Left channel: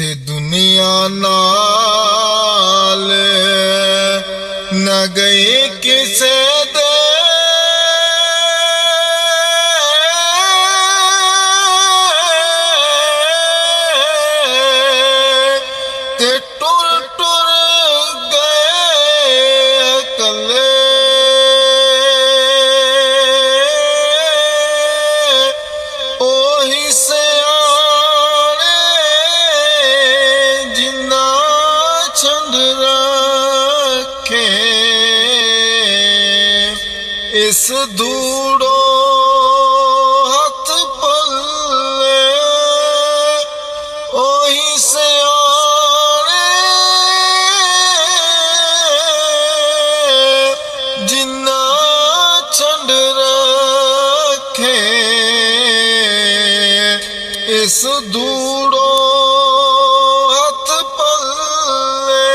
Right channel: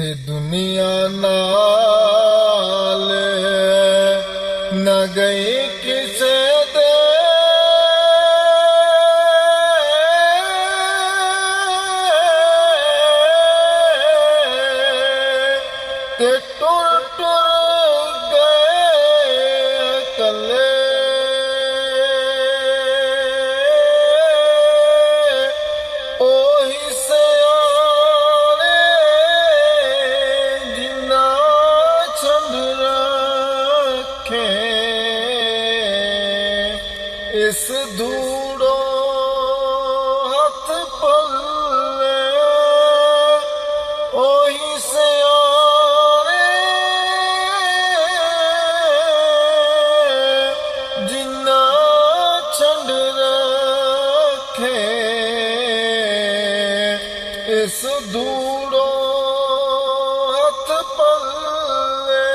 ते दुनिया नाल न गए किसे दे ते टुर टुर गए कले ओही सियाणे जिन्ना छंड रखे इस धूड़ो हथ पल्ले ओही सियाणे जिन्ना छंड रखे इस धूड़ो हथ पल्ले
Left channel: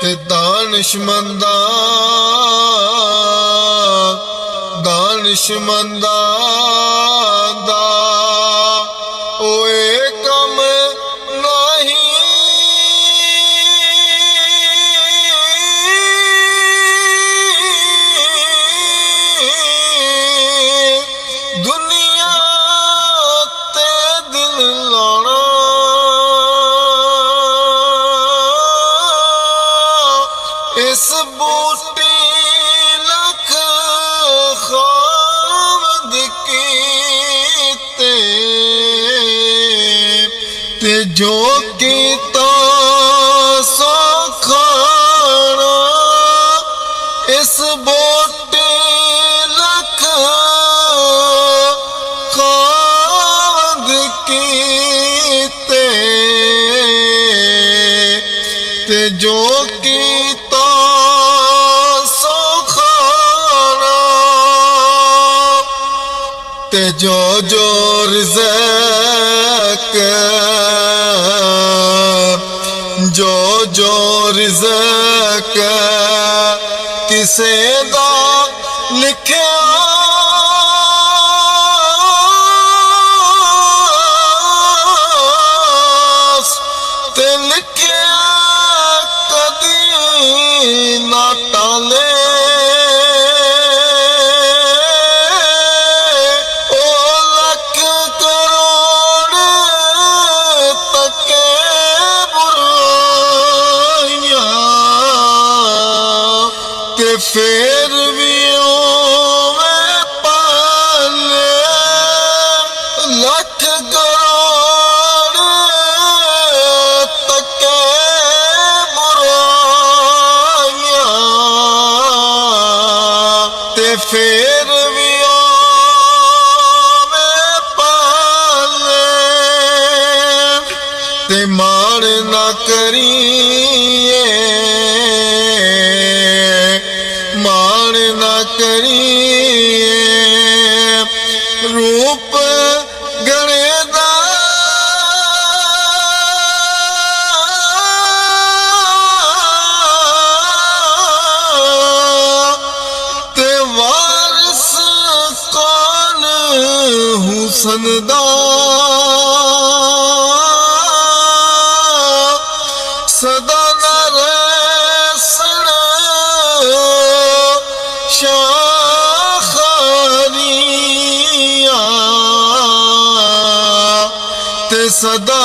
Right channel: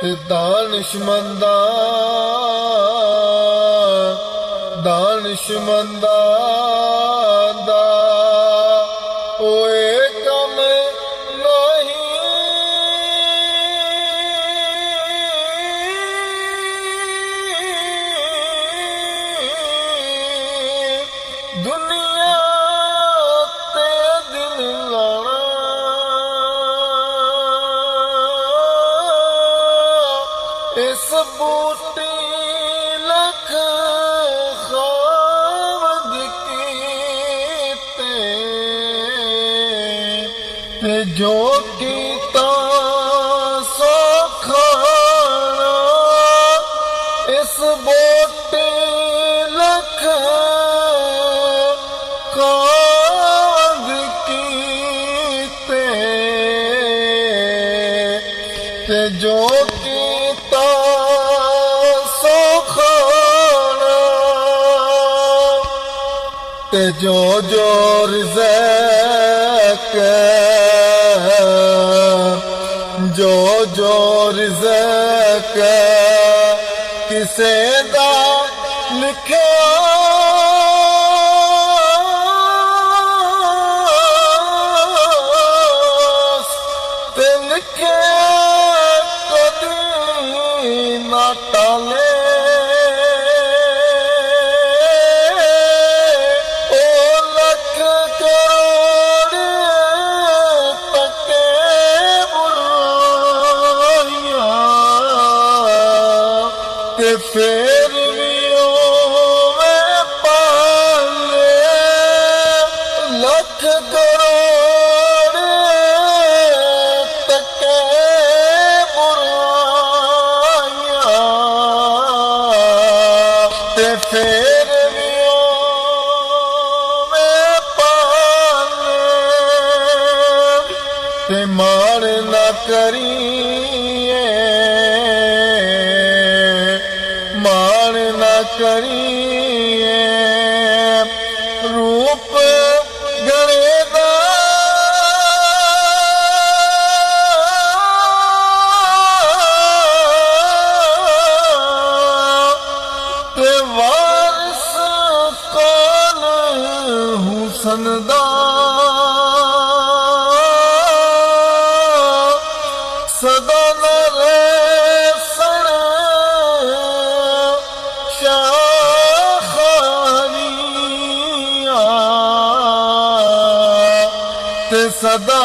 ते दानिशमंदा दा ओए कम नहीं दुनिया ते दिल लाना इस बूटी लख खामद कीते ते जो कीता सो खाना इस बूटी लख खामद कीते ते जो कीता सो खाना ते जो जो रिज़्क़ किसे दा लिखिया ते लिखिया कदी ना टाले ओ लख करोड़ तके बुराइयां ते फिर भी मैं पाले लख करोड़ तके बुराइयां ते फिर भी मैं पाले ते मान ना करिए मान ना करिए रूप गणे दा ते वारिस कौन हुसन दा सदा न रहसन शाखरियां ते सदा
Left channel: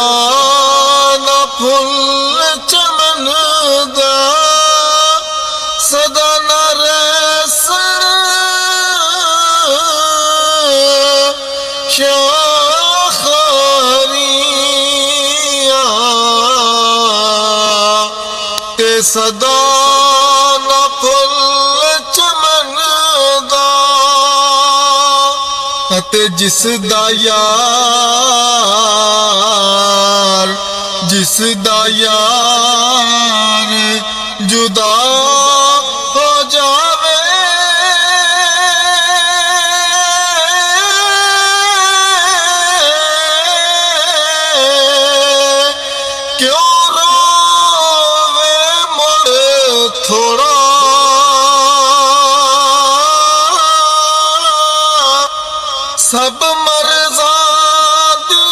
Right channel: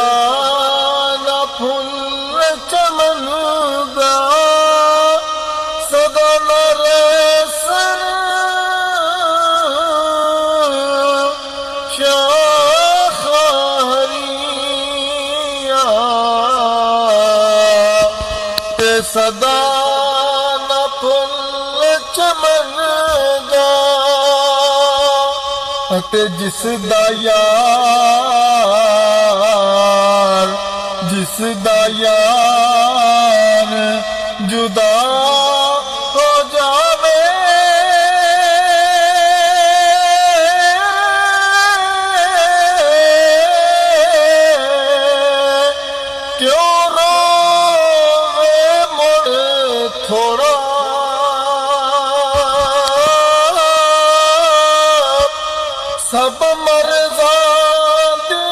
न फुल चमन दा सदा न रहसन शाखरियां ते सदा न फुल चमन दा ते जिस दा यार जुदा हो जावे क्यों रोवे मुड़ थोड़ा सब मर्ज़ां दी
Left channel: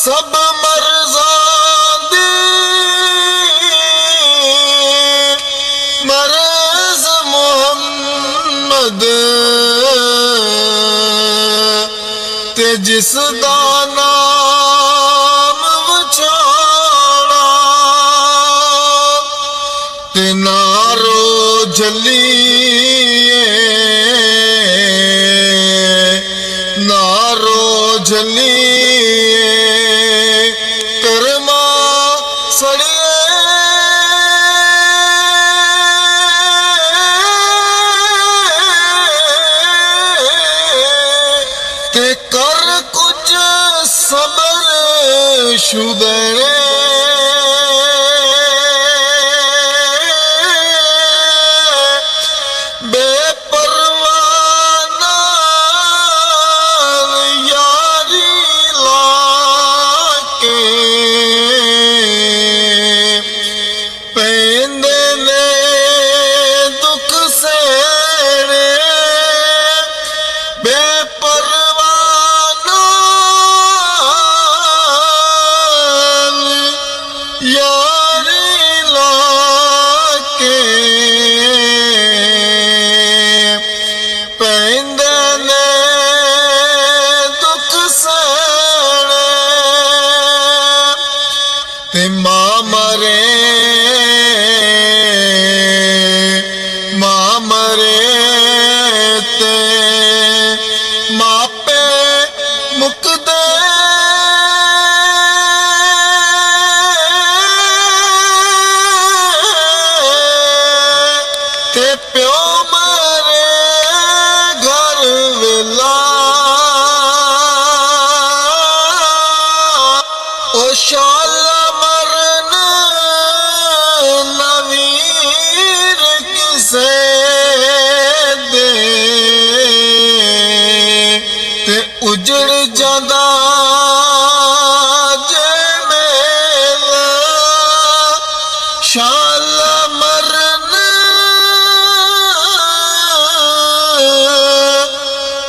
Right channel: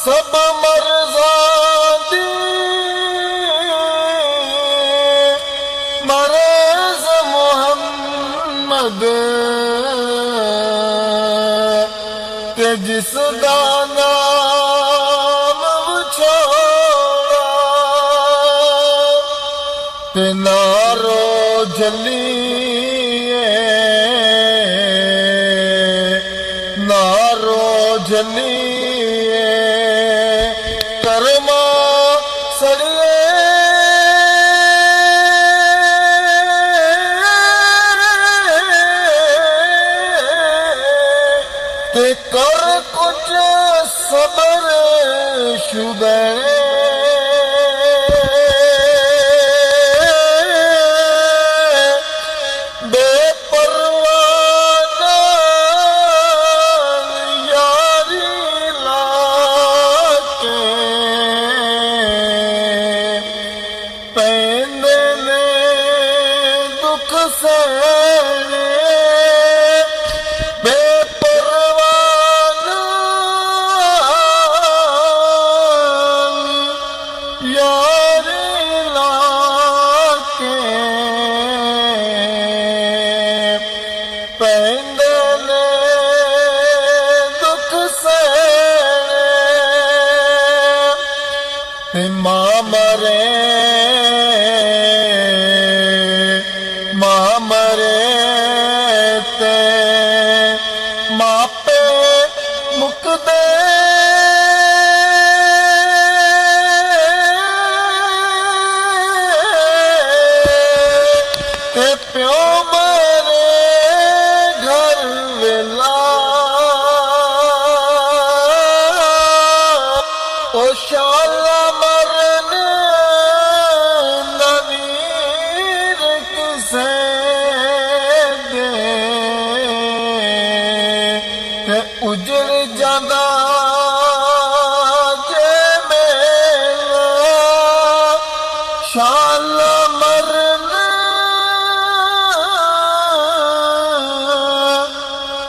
ਸਭ ਮਰਜ਼ਾਂ ਦੀ ਮਰਜ਼ ਮੁਹੰਮਦ ਤੇ ਜਿਸ ਦਾ ਨਾਮ ਵਿਛੋੜਾ ਤੇ ਨਾਰੋ ਜਲੀਏ ਨਾਰੋ ਜਲੀਏ ਕਰਮਾ ਸੜੀਏ ਤੇ ਕਰ ਕੁਝ ਸਬਰ ਸ਼ੁਦਣੇ ਯਾਰੀ ਲਾ ਕੇ ਪੈਂਦੇ ਨੇ ਦੁੱਖ ਸਹਿਣੇ ਤੇ ਮਾਂ ਮਰੇ ਤੇ ਮਾਪੇ ਮੁਕਦੇ ਤੇ ਪਿਓ ਮਰੇ ਘਰ ਵੇਲਾ ਉਹ ਸ਼ਾਲਾ ਮਰਨ ਨਵੀਰ ਕਿਸੇ ਦੇ ਤੇ ਉਜੜ ਜਾਂਦਾ ਜੇ ਮੇਲਾ ਸ਼ਾਲਾ ਮਰਨ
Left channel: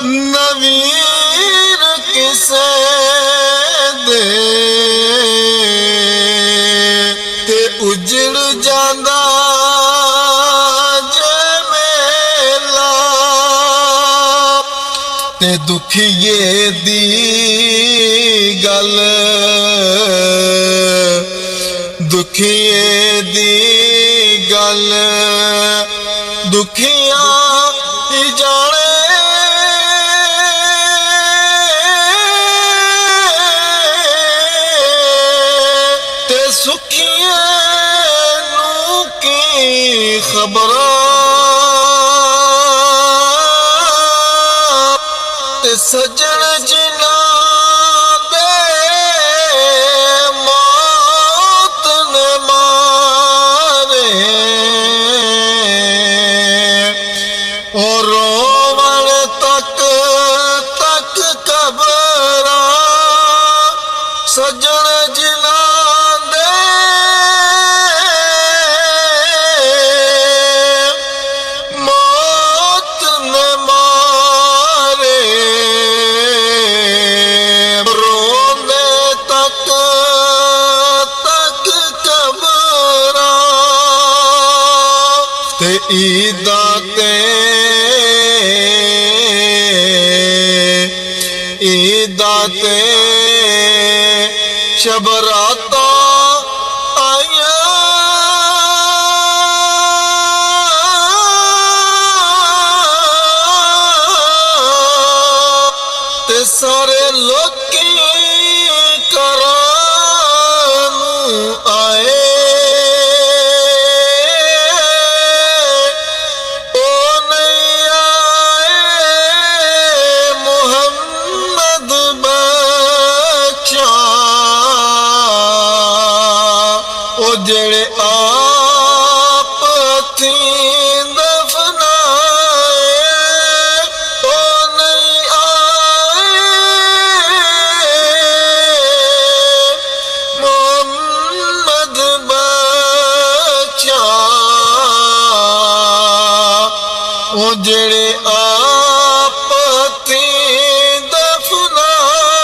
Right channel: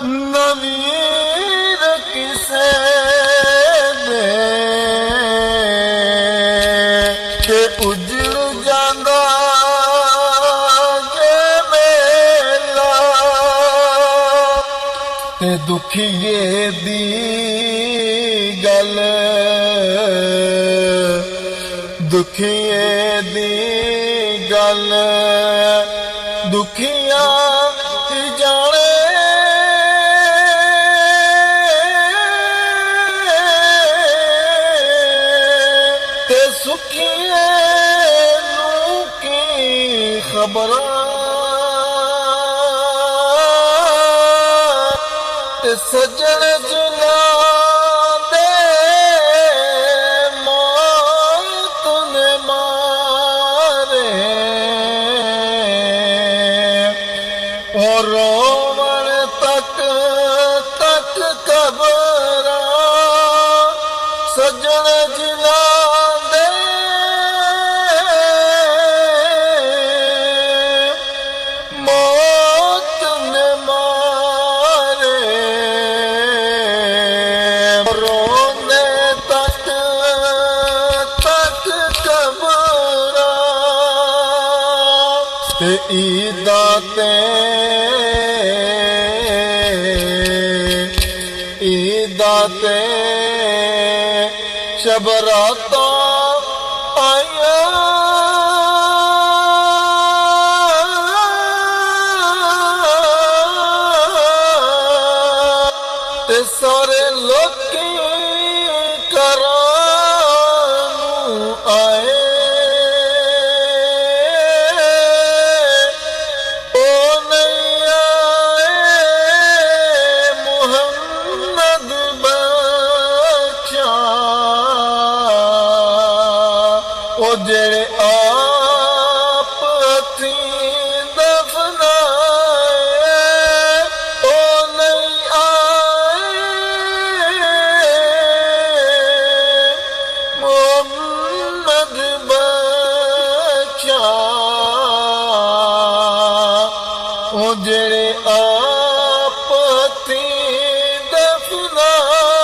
ਨਵੀਰ ਕਿਸੇ ਦੇ ਤੇ ਉਜੜ ਜਾਂਦਾ ਜੇ ਮੇਲਾ ਤੇ ਦੁਖੀਏ ਦੀ ਗੱਲ ਦੁਖੀਏ ਦੀ ਗੱਲ ਦੁਖੀਆਂ ਹੀ ਜਾਣੇ ਤੇ ਸੁਖੀਏ ਨੂੰ ਕੀ ਖਬਰਾਂ ਤੇ ਸਜਣ ਜਿਨ੍ਹਾਂ ਦੇ ਮੌਤ ਨੇ ਮਾਰੇ ਔਰ ਰੋਵਣ ਤੱਕ ਕਬਰਾਂ ਸਜਣ ਜਿਨ੍ਹਾਂ ਦੇ ਮੌਤ ਨੇ ਮਾਰੇ ਰੋਂਦੇ ਤੱਕ ਕਬਰਾਂ ਤੇ ਈਦਾਂ ਤੇ ਸ਼ਬਰਾਤਾਂ ਆਈਆਂ ਤੇ ਸਾਰੇ ਲੋਕੀ ਘਰਾਂ ਨੂੰ ਆਏ ਉਹ ਨਹੀਂ ਆਏ ਮੁਹੰਮਦ ਉਹ ਜਿਹੜੇ ਆਪ ਹੱਥੀਂ ਦਫਨਾਏ ਉਹ ਨਹੀਂ ਆਏ ਮੁਹੰਮਦ ਬੱਚਾ ਉਹ ਜਿਹੜੇ ਆਪ ਹੱਥੀਂ ਦਫਨਾਏ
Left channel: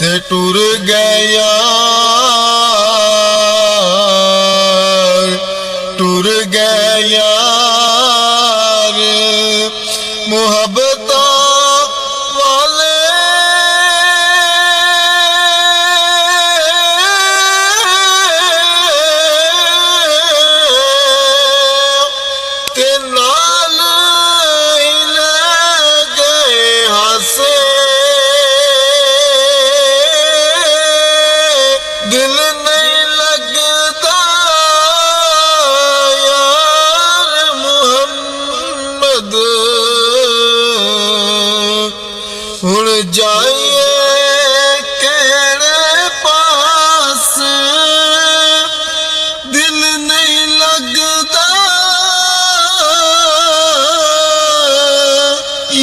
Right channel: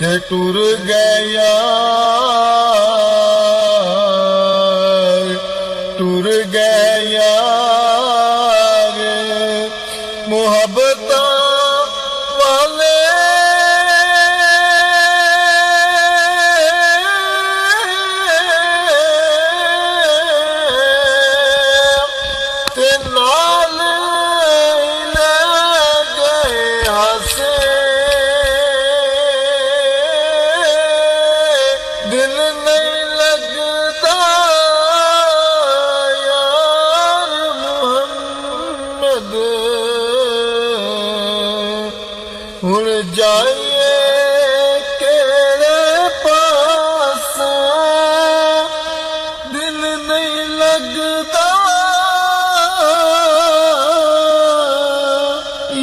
ते टुर गया टुर गया मुहब्बत वाले ते नाल ले गए हंसे दिल नहीं लगता यार मुहम्मद हुण जाइए केड़े पास दिल नहीं लगता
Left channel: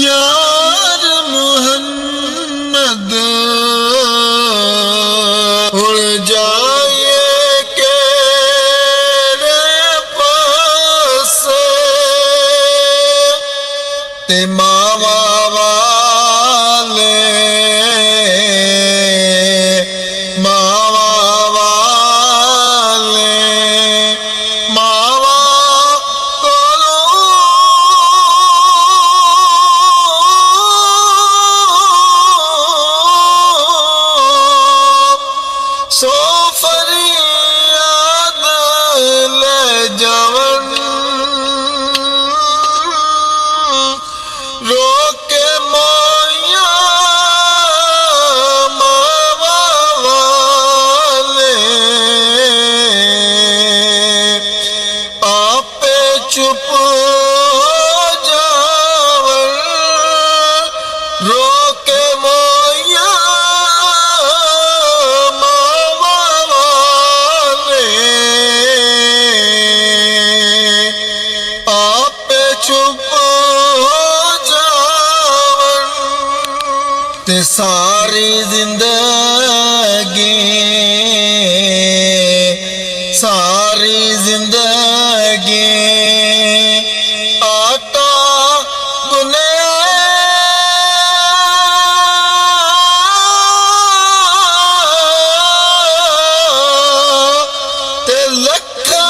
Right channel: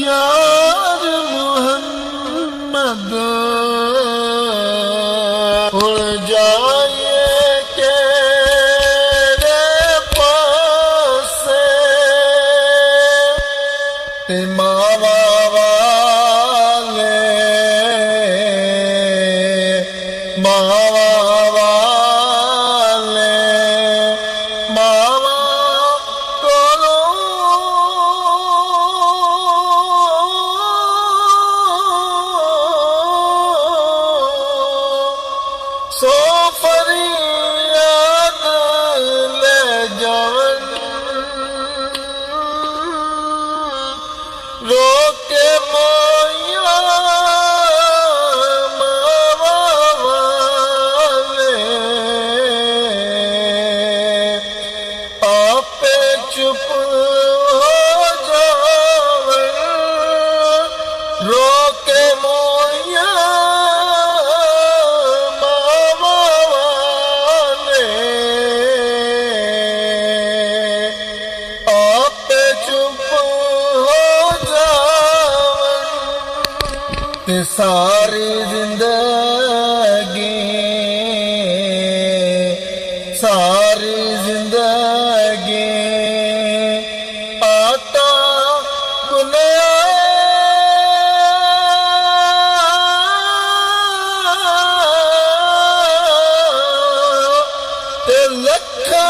यार मुहम्मद हुण जाइए केड़े पास ते मावा सो फरियाद ले जावन रोके मोया मावा वाले आपे चुप हो जावन रोके मोया चुप हो जावन ते सारी जिंदगी आटा गुनिया ते लखा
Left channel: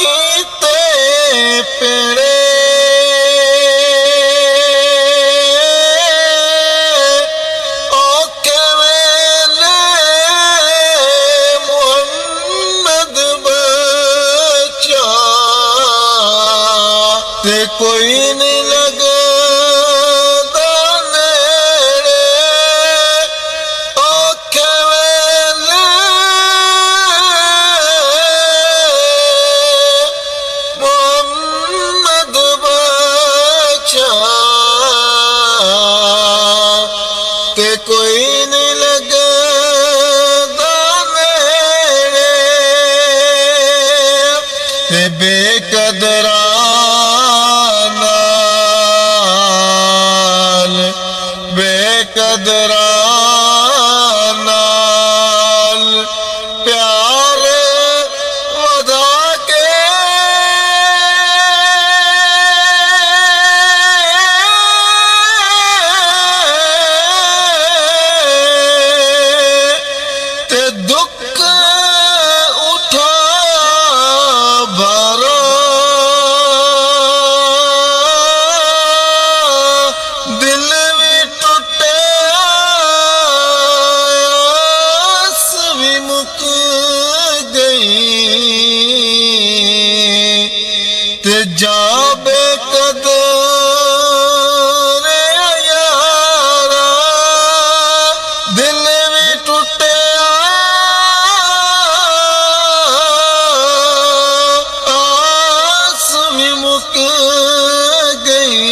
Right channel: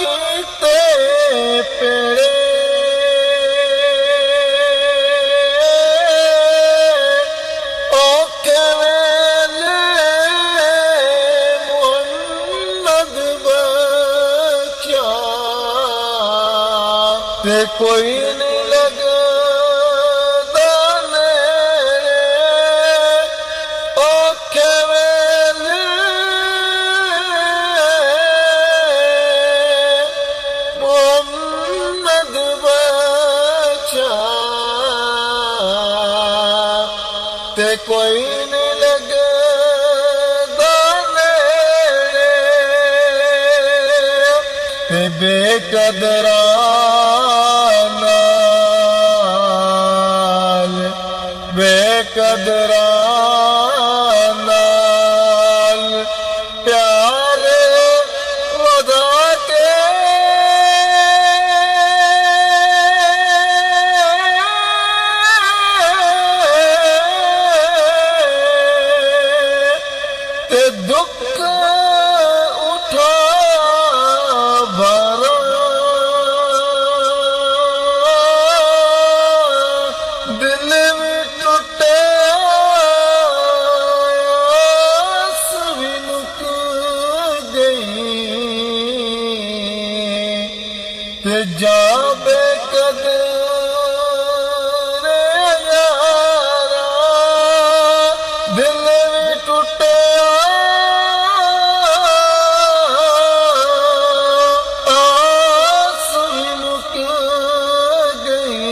कीते पेड़े ते कोई नहीं लगदा नेड़े औखे वेले मुहम्मद बचा ते कोई नहीं लगदा नेड़े ते बेकदरा बेकदरा नाल प्यार वधा के ते दुख उठा भरा दिल भी टूटे आस भी मुक गई ते जाबे कदर यारा दिल भी टूटे आस भी मुक गई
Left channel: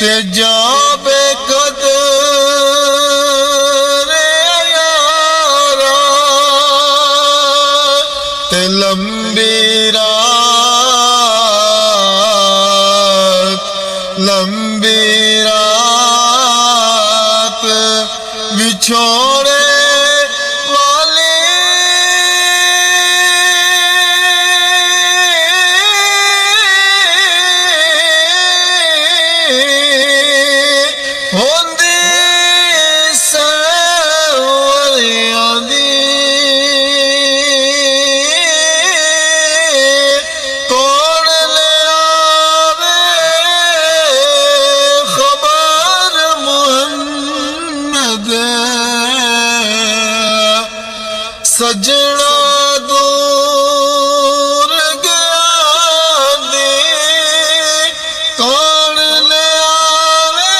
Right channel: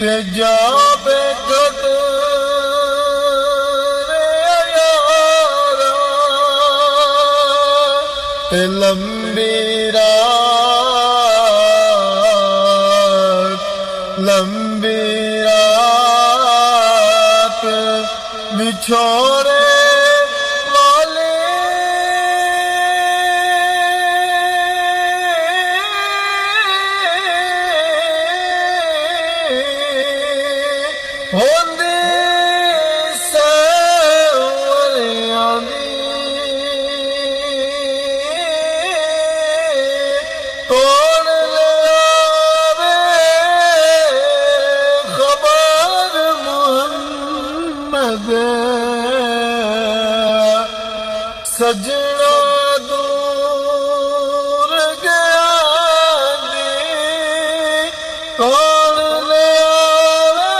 ते जाबे कदर यारा ते लंबी रात बिछोड़े वाले हो दे सजना दूर गया दी कौन ले आवे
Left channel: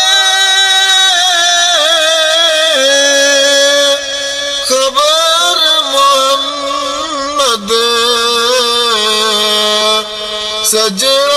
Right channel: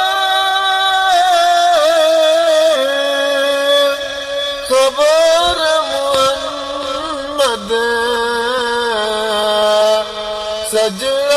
खबर मोहम्मद सजना